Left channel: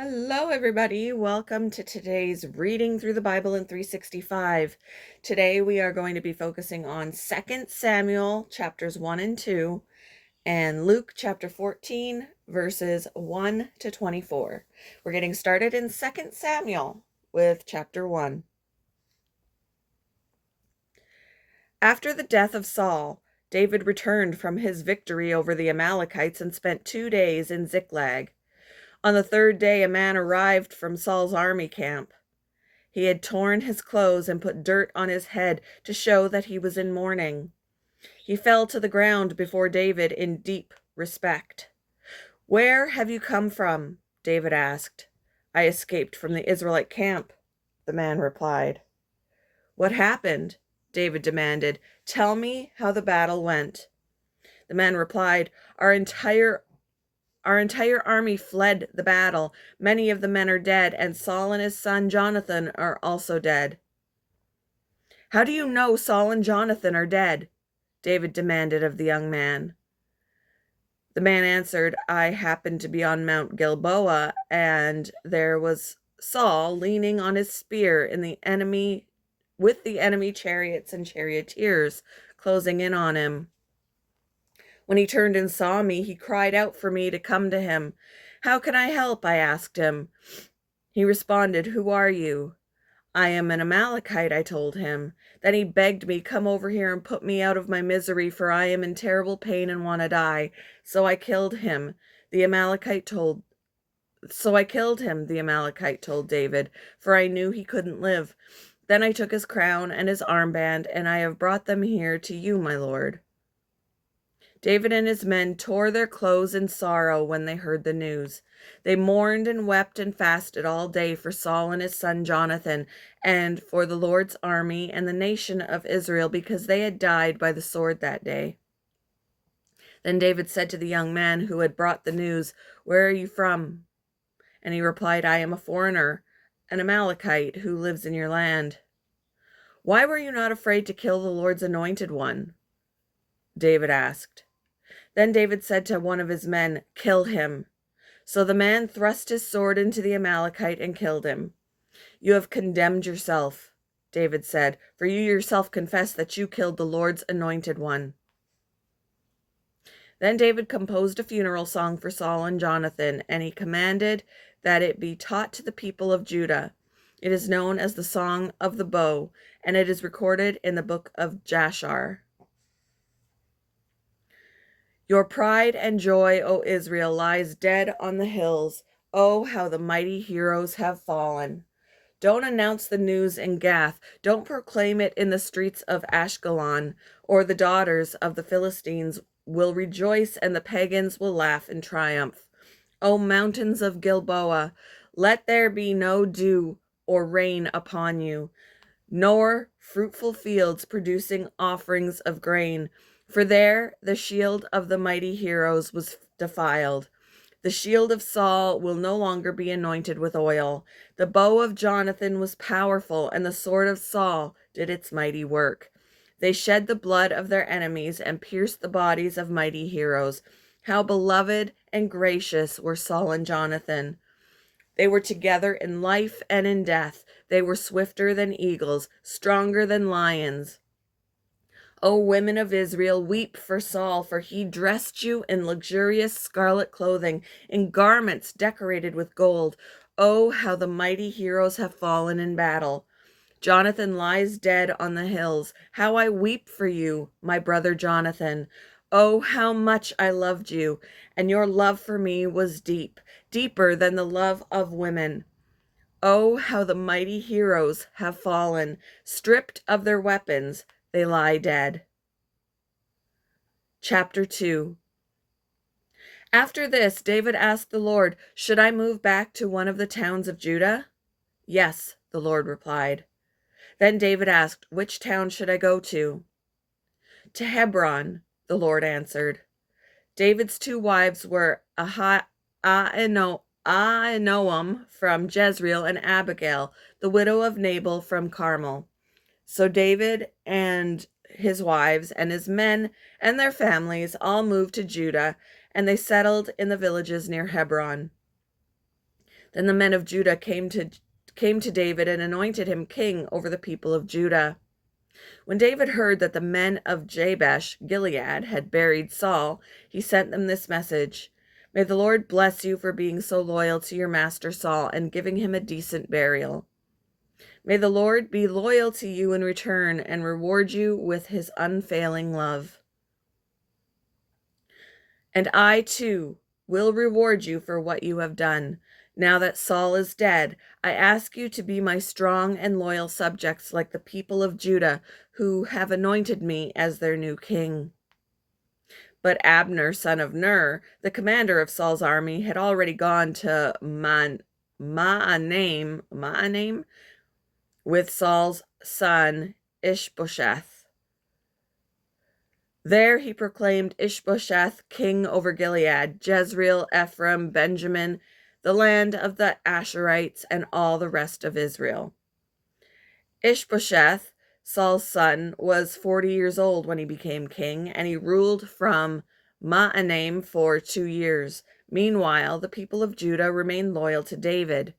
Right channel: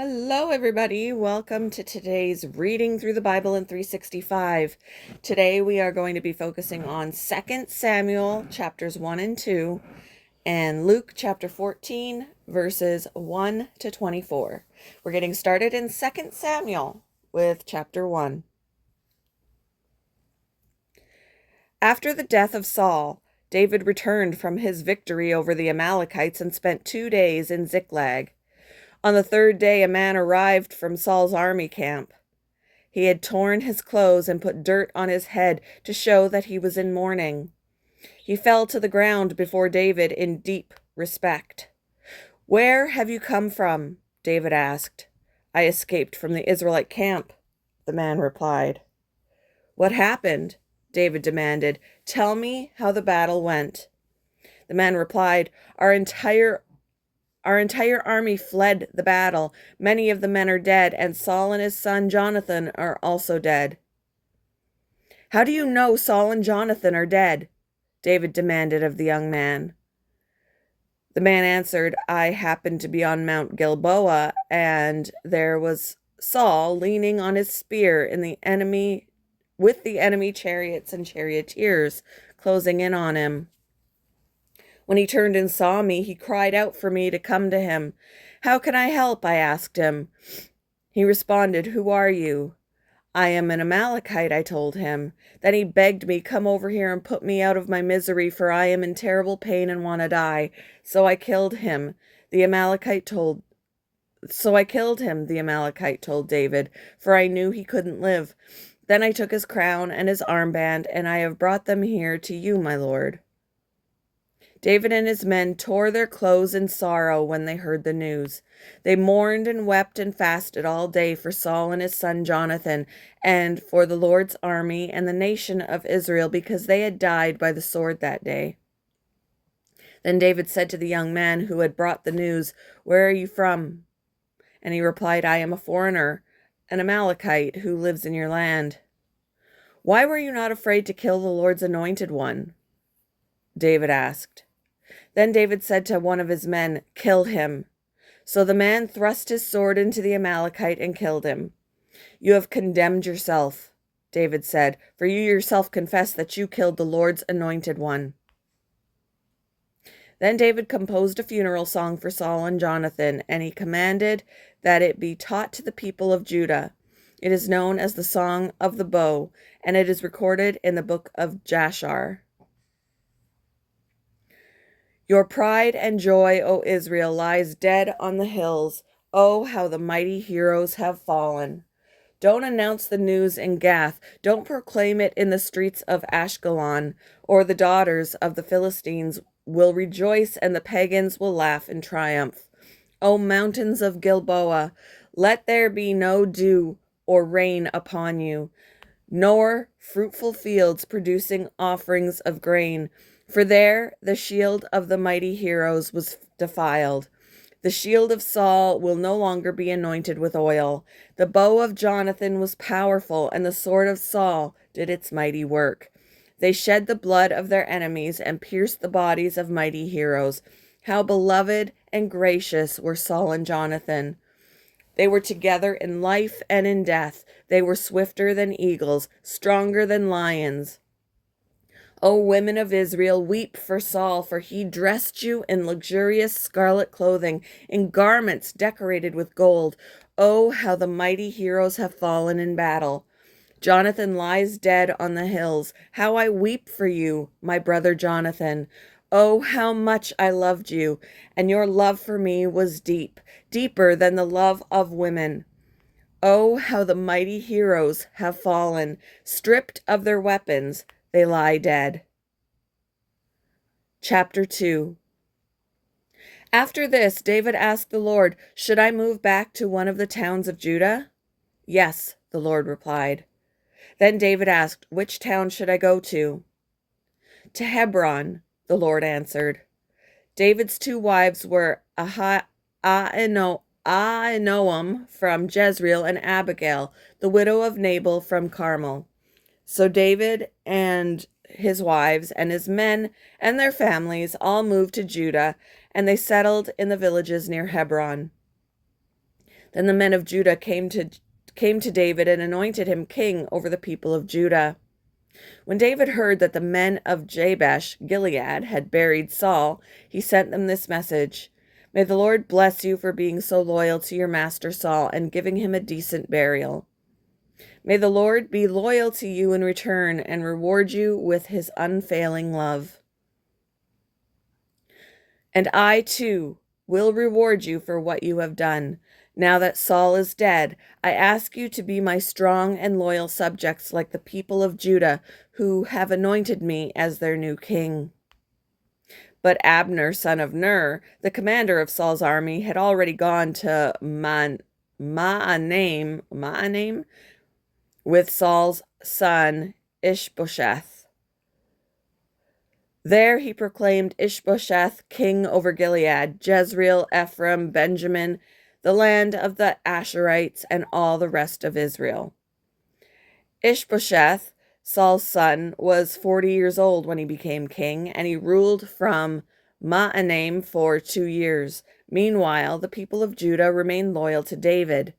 Hello, everybody. Welcome to today's Reading Through the Bible in 365. Today we are going to be focusing on 2 Samuel chapters 1 and 2 and Luke chapter 14 verses 1 to 24. We're getting started in 2 Samuel with chapter 1. After the death of Saul, David returned from his victory over the Amalekites and spent 2 days in Ziklag. On the third day, a man arrived from Saul's army camp. He had torn his clothes and put dirt on his head to show that he was in mourning. He fell to the ground before David in deep respect. "Where have you come from?" David asked. "I escaped from the Israelite camp," the man replied. "What happened?" David demanded. "Tell me how the battle went." The man replied, Our entire army fled the battle. Many of the men are dead, and Saul and his son Jonathan are also dead." "How do you know Saul and Jonathan are dead?" David demanded of the young man. The man answered, "I happened to be on Mount Gilboa, and there was Saul leaning on his spear with the enemy chariots and charioteers closing in on him. When he turned and saw me, he cried out for me to come to him. 'How can I help?' I asked him. He responded, 'Who are you?' 'I am an Amalekite,' I told him. Then he begged me, 'Come over here and put me out of my misery, for I am in terrible pain and want to die.' So I killed him, the Amalekite told David, for I knew he couldn't live. Then I took his crown and his armband, and I have brought them here to you, my lord." David and his men tore their clothes in sorrow when they heard the news. They mourned and wept and fasted all day for Saul and his son Jonathan, and for the Lord's army and the nation of Israel, because they had died by the sword that day. Then David said to the young man who had brought the news, "Where are you from?" And he replied, "I am a foreigner, an Amalekite who lives in your land." "Why were you not afraid to kill the Lord's anointed one?" David asked. Then David said to one of his men, "Kill him." So the man thrust his sword into the Amalekite and killed him. "You have condemned yourself," David said, "for you yourself confess that you killed the Lord's anointed one." Then David composed a funeral song for Saul and Jonathan, and he commanded that it be taught to the people of Judah. It is known as the Song of the Bow, and it is recorded in the book of Jashar. "Your pride and joy, O Israel, lies dead on the hills. Oh, how the mighty heroes have fallen. Don't announce the news in Gath. Don't proclaim it in the streets of Ashkelon, or the daughters of the Philistines will rejoice and the pagans will laugh in triumph. O mountains of Gilboa, let there be no dew or rain upon you, nor fruitful fields producing offerings of grain. For there the shield of the mighty heroes was defiled. The shield of Saul will no longer be anointed with oil. The bow of Jonathan was powerful, and the sword of Saul did its mighty work. They shed the blood of their enemies and pierced the bodies of mighty heroes. How beloved and gracious were Saul and Jonathan. They were together in life and in death. They were swifter than eagles, stronger than lions. O women of Israel, weep for Saul, for he dressed you in luxurious scarlet clothing, in garments decorated with gold. Oh, how the mighty heroes have fallen in battle. Jonathan lies dead on the hills. How I weep for you, my brother Jonathan. Oh, how much I loved you, and your love for me was deep, deeper than the love of women. Oh, how the mighty heroes have fallen. Stripped of their weapons, they lie dead. Chapter 2. After this, David asked the Lord, "Should I move back to one of the towns of Judah?" "Yes," the Lord replied. Then David asked, "Which town should I go to?" "To Hebron," the Lord answered. David's 2 wives were Ahinoam from Jezreel and Abigail, the widow of Nabal from Carmel. So David and his wives and his men and their families all moved to Judah, and they settled in the villages near Hebron. Then the men of Judah came to David and anointed him king over the people of Judah. When David heard that the men of Jabesh Gilead had buried Saul, he sent them this message: May the Lord bless you for being so loyal to your master Saul and giving him a decent burial. May the Lord be loyal to you in return and reward you with his unfailing love. And I, too, will reward you for what you have done. Now that Saul is dead, I ask you to be my strong and loyal subjects like the people of Judah who have anointed me as their new king. But Abner, son of Ner, the commander of Saul's army, had already gone to Mahanaim with Saul's son Ishbosheth. There he proclaimed Ishbosheth king over Gilead, Jezreel, Ephraim, Benjamin, the land of the Asherites, and all the rest of Israel. Ishbosheth, Saul's son, was 40 years old when he became king, and he ruled from Mahanaim for 2 years. Meanwhile, the people of Judah remained loyal to David.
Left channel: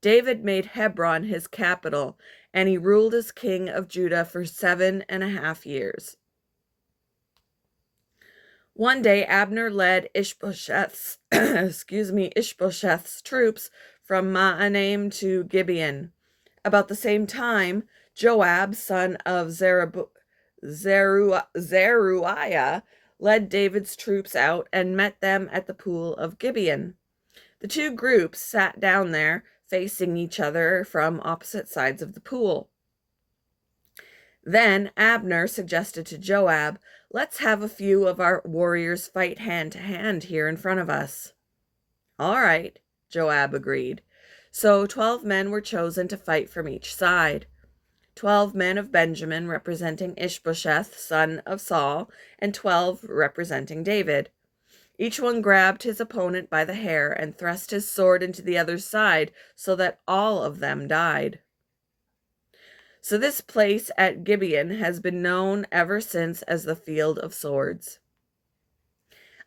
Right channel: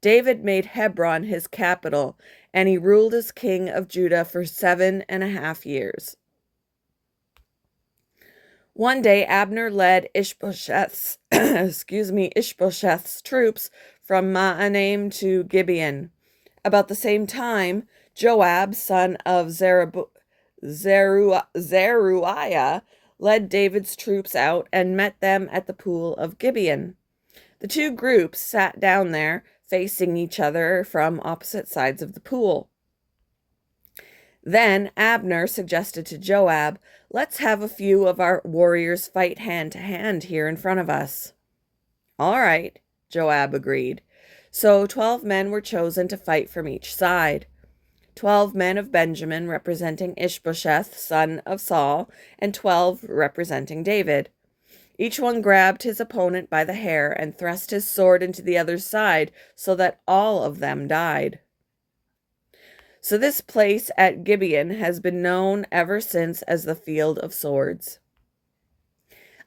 David made Hebron his capital, and he ruled as king of Judah for 7.5 years. One day, Abner led Ishbosheth's troops from Mahanaim to Gibeon. About the same time, Joab, son of Zeruiah, led David's troops out and met them at the pool of Gibeon. The two groups sat down there, facing each other from opposite sides of the pool. Then Abner suggested to Joab, "Let's have a few of our warriors fight hand to hand here in front of us." "All right," Joab agreed. So 12 men were chosen to fight from each side. 12 men of Benjamin representing Ishbosheth, son of Saul, and 12 representing David. Each one grabbed his opponent by the hair and thrust his sword into the other's side so that all of them died. So this place at Gibeon has been known ever since as the Field of Swords.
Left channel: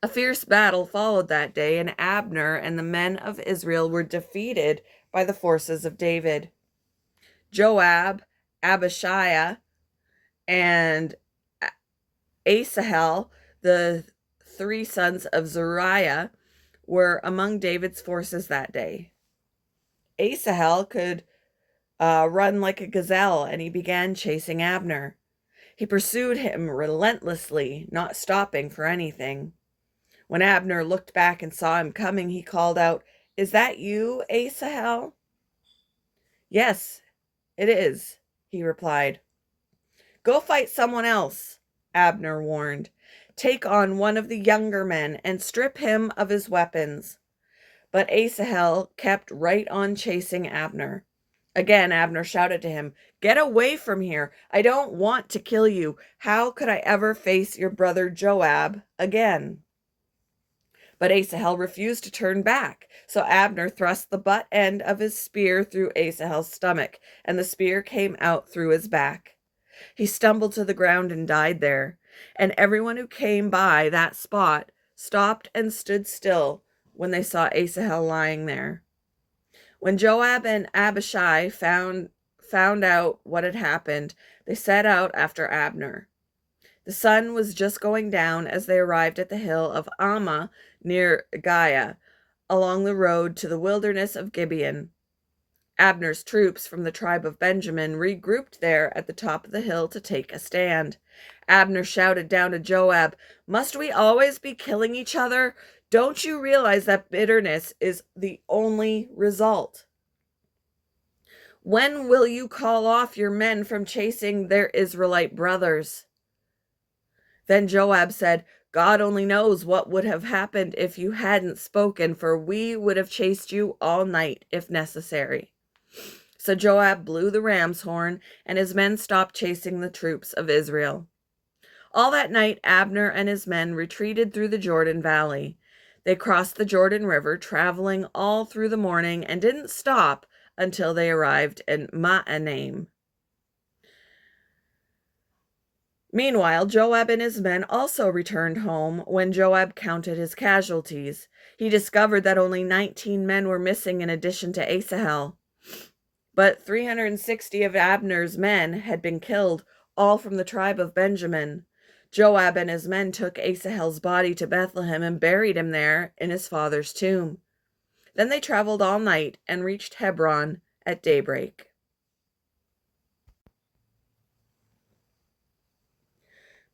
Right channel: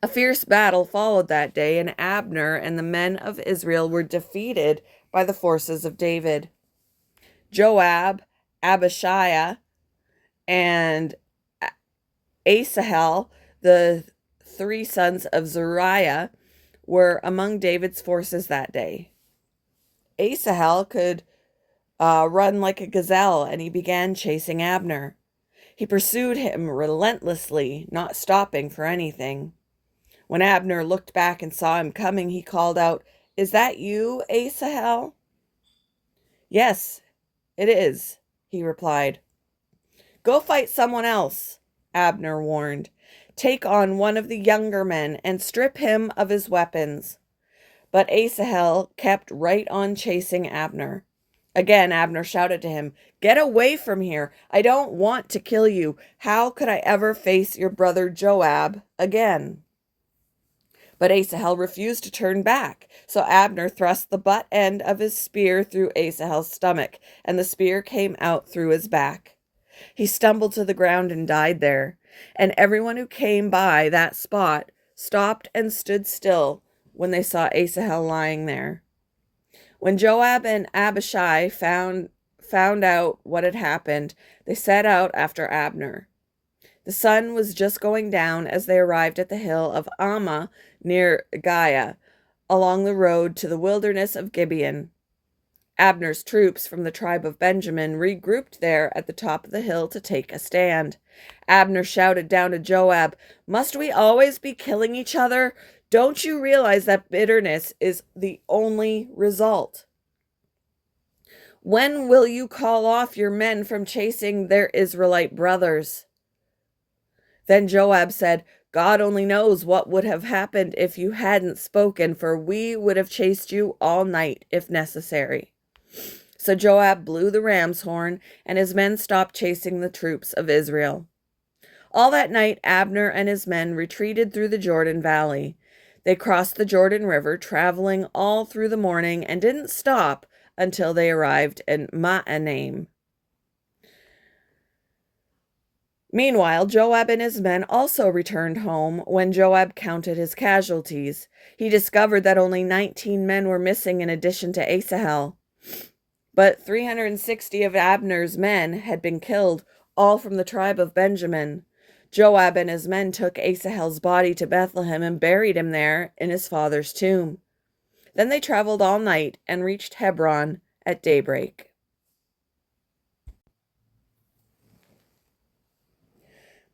A fierce battle followed that day, and Abner and the men of Israel were defeated by the forces of David. Joab, Abishai, and Asahel, the 3 sons of Zeruiah, were among David's forces that day. Asahel could run like a gazelle, and he began chasing Abner. He pursued him relentlessly, not stopping for anything. When Abner looked back and saw him coming, he called out, "Is that you, Asahel?" "Yes, it is," he replied. "Go fight someone else," Abner warned. "Take on one of the younger men and strip him of his weapons." But Asahel kept right on chasing Abner. Again, Abner shouted to him, "Get away from here. I don't want to kill you. How could I ever face your brother Joab again?" But Asahel refused to turn back, so Abner thrust the butt end of his spear through Asahel's stomach, and the spear came out through his back. He stumbled to the ground and died there, and everyone who came by that spot stopped and stood still when they saw Asahel lying there. When Joab and Abishai found out what had happened, they set out after Abner. The sun was just going down as they arrived at the hill of Ammah near Giah, along the road to the wilderness of Gibeon. Abner's troops from the tribe of Benjamin regrouped there at the top of the hill to take a stand. Abner shouted down to Joab, "Must we always be killing each other? Don't you realize that bitterness is the only result? When will you call off your men from chasing their Israelite brothers?" Then Joab said, "God only knows what would have happened if you hadn't spoken, for we would have chased you all night if necessary." So Joab blew the ram's horn, and his men stopped chasing the troops of Israel. All that night, Abner and his men retreated through the Jordan Valley. They crossed the Jordan River, traveling all through the morning, and didn't stop until they arrived in Mahanaim. Meanwhile, Joab and his men also returned home. When Joab counted his casualties, he discovered that only 19 men were missing in addition to Asahel. But 360 of Abner's men had been killed, all from the tribe of Benjamin. Joab and his men took Asahel's body to Bethlehem and buried him there in his father's tomb. Then they traveled all night and reached Hebron at daybreak.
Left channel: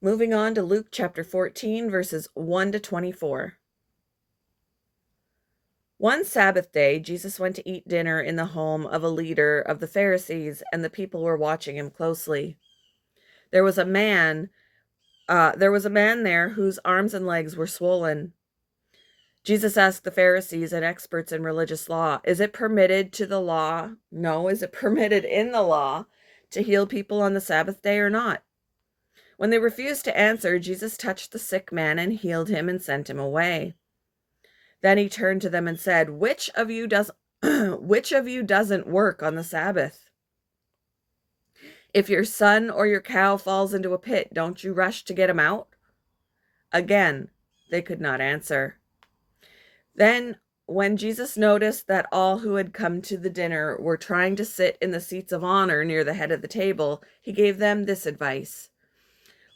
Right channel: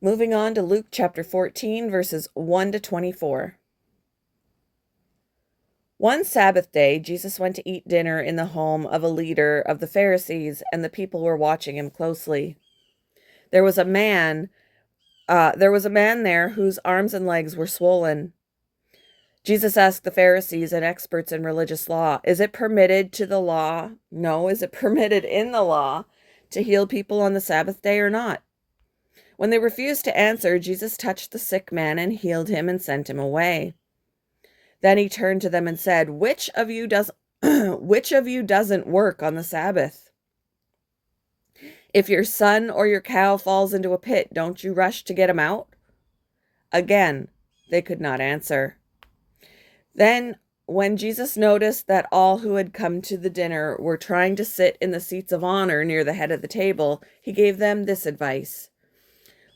Moving on to Luke chapter 14, verses 1 to 24. One Sabbath day, Jesus went to eat dinner in the home of a leader of the Pharisees, and the people were watching him closely. There was a man there whose arms and legs were swollen. Jesus asked the Pharisees and experts in religious law, is it permitted in the law to heal people on the Sabbath day or not? When they refused to answer, Jesus touched the sick man and healed him and sent him away. Then he turned to them and said, which of you doesn't work on the Sabbath? If your son or your cow falls into a pit, don't you rush to get him out? Again, they could not answer. Then, when Jesus noticed that all who had come to the dinner were trying to sit in the seats of honor near the head of the table, he gave them this advice.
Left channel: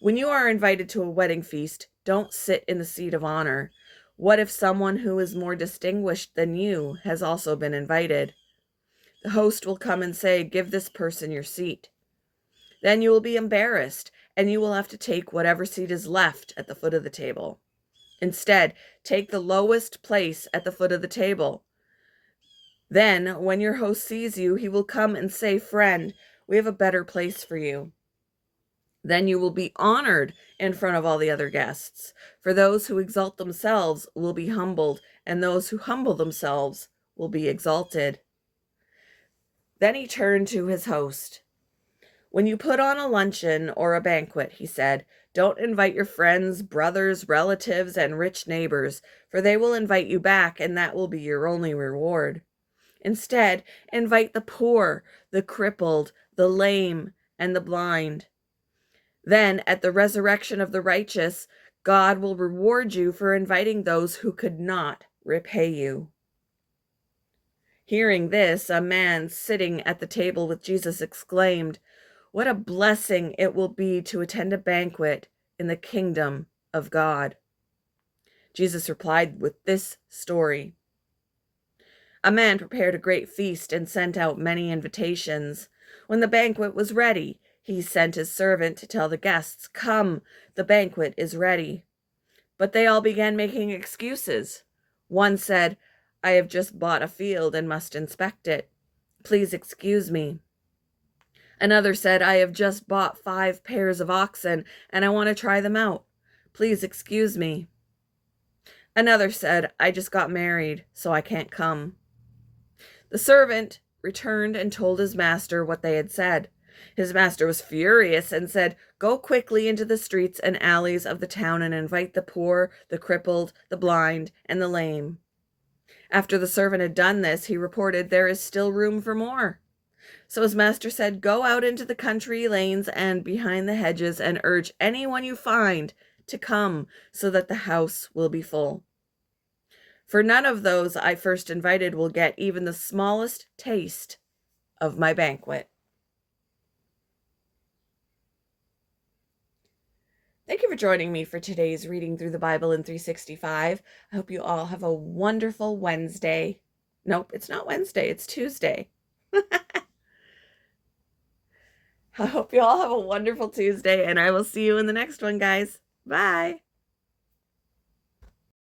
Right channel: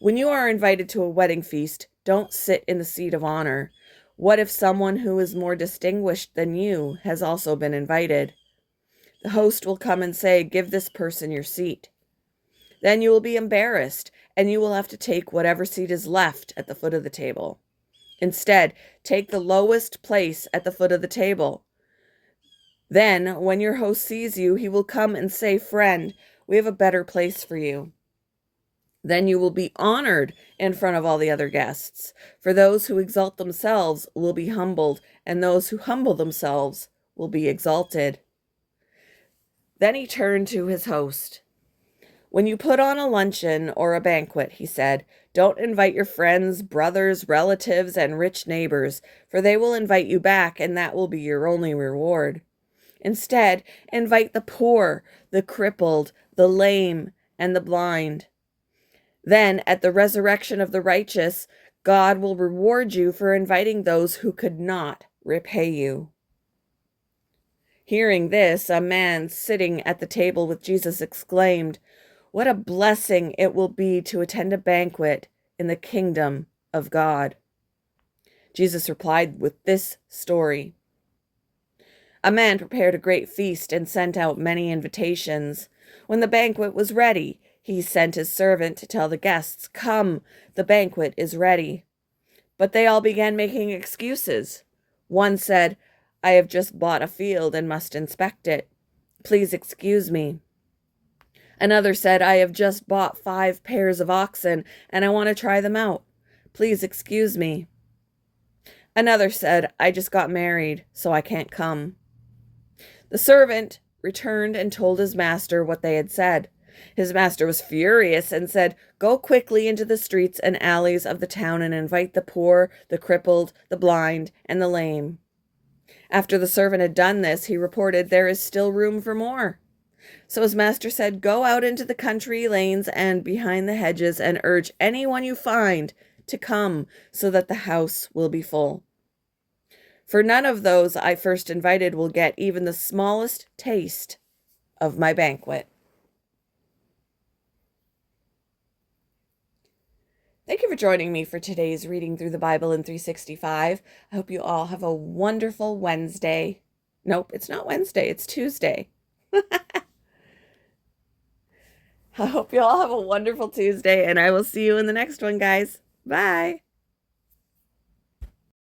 When you are invited to a wedding feast, don't sit in the seat of honor. What if someone who is more distinguished than you has also been invited? The host will come and say, give this person your seat. Then you will be embarrassed, and you will have to take whatever seat is left at the foot of the table. Instead, take the lowest place at the foot of the table. Then, when your host sees you, he will come and say, friend, we have a better place for you. Then you will be honored in front of all the other guests. For those who exalt themselves will be humbled, and those who humble themselves will be exalted. Then he turned to his host. When you put on a luncheon or a banquet, he said, don't invite your friends, brothers, relatives, and rich neighbors, for they will invite you back, and that will be your only reward. Instead, invite the poor, the crippled, the lame, and the blind. Then, at the resurrection of the righteous, God will reward you for inviting those who could not repay you. Hearing this, a man sitting at the table with Jesus exclaimed, what a blessing it will be to attend a banquet in the kingdom of God. Jesus replied with this story. A man prepared a great feast and sent out many invitations. When the banquet was ready, he sent his servant to tell the guests, come, the banquet is ready. But they all began making excuses. One said, I have just bought a field and must inspect it. Please excuse me. Another said, I have just bought 5 pairs of oxen and I want to try them out. Please excuse me. Another said, I just got married, so I can't come. The servant returned and told his master what they had said. His master was furious and said, go quickly into the streets and alleys of the town and invite the poor, the crippled, the blind, and the lame. After the servant had done this, he reported, there is still room for more. So his master said, go out into the country lanes and behind the hedges and urge anyone you find to come so that the house will be full. For none of those I first invited will get even the smallest taste of my banquet. Thank you for joining me for today's reading through the Bible in 365. I hope you all have a wonderful Wednesday. Nope, it's not Wednesday, it's Tuesday. I hope you all have a wonderful Tuesday, and I will see you in the next one, guys. Bye.